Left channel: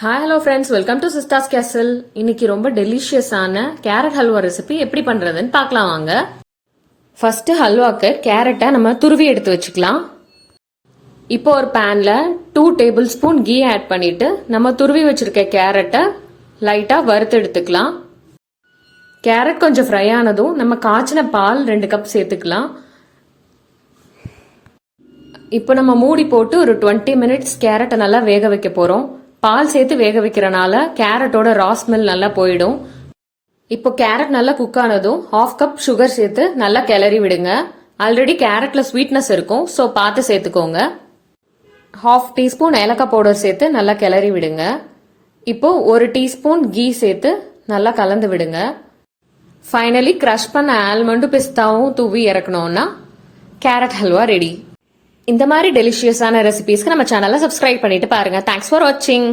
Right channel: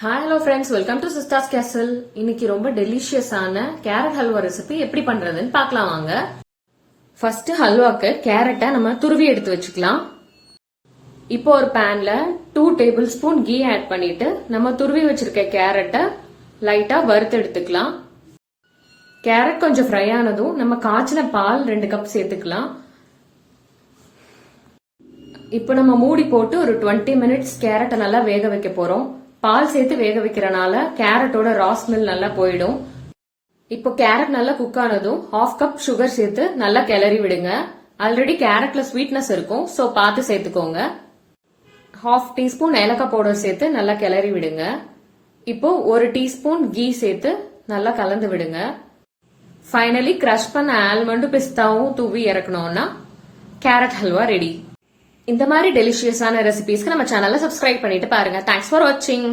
Hi hello friends, welcome to சிஸ்டாஸ் கேசல். இன்னைக்கு ரொம்ப டெலிஷியஸான கேரட் ஹல்வா ரெசிபி எப்படி பண்றதுன்னு பார்க்கலாம் வாங்க. ஃபர்ஸ்ட் ஹல்வாக்கு கேரட்டை நம்ம துருவி எடுத்து வச்சுக்கலாம். இப்போ ஒரு பேன்ல 2 டேபிள் ஸ்பூன் கீ ஆட் பண்ணிட்டு நம்ம துருவி வச்சிருக்க கேரட்டை லைட்டா வறுத்து எடுத்துக்கலாம். கேரட் கொஞ்சம் ஃப்ரை ஆனதும் நம்ம காய்ச்சின பால் 2 கப் சேர்த்துக்கலாம். இப்போ நம்ம மூடி போட்டு ஒரு 20 மினிட்ஸ் கேரட்டை நல்லா வேக வைக்க போறோம். பால் சேர்த்து வேக வைக்கிறனால கேரட்டோட ரா ஸ்மெல் நல்லா போயிடும். இப்போ கேரட் நல்லா குக் ஆனதும் 1/2 கப் சுகர் சேர்த்து நல்லா கிளறி விடுங்க. ஆல்ரெடி கேரட்ல ஸ்வீட்னஸ் இருக்கும், ஸோ பார்த்து சேர்த்துக்கோங்க. 1/2 டீஸ்பூன் ஏலக்காய் பவுடர் சேர்த்து நல்லா கிளறி விடுங்க. இப்போ 1 டீஸ்பூன் கீ சேர்த்து நல்லா கலந்து விடுங்க. ஃபைனலி கிரஷ் பண்ண ஆல்மண்டும் பிஸ்தாவும் தூவி இறக்கணும்னா கேரட் ஹல்வா ரெடி. இந்த மாதிரி டெலிஷியஸான ரெசிபிஸ்க்கு நம்ம சேனலை சப்ஸ்கிரைப் பண்ணிட்டு பாருங்க. தேங்க்ஸ் ஃபார் வாட்சிங்.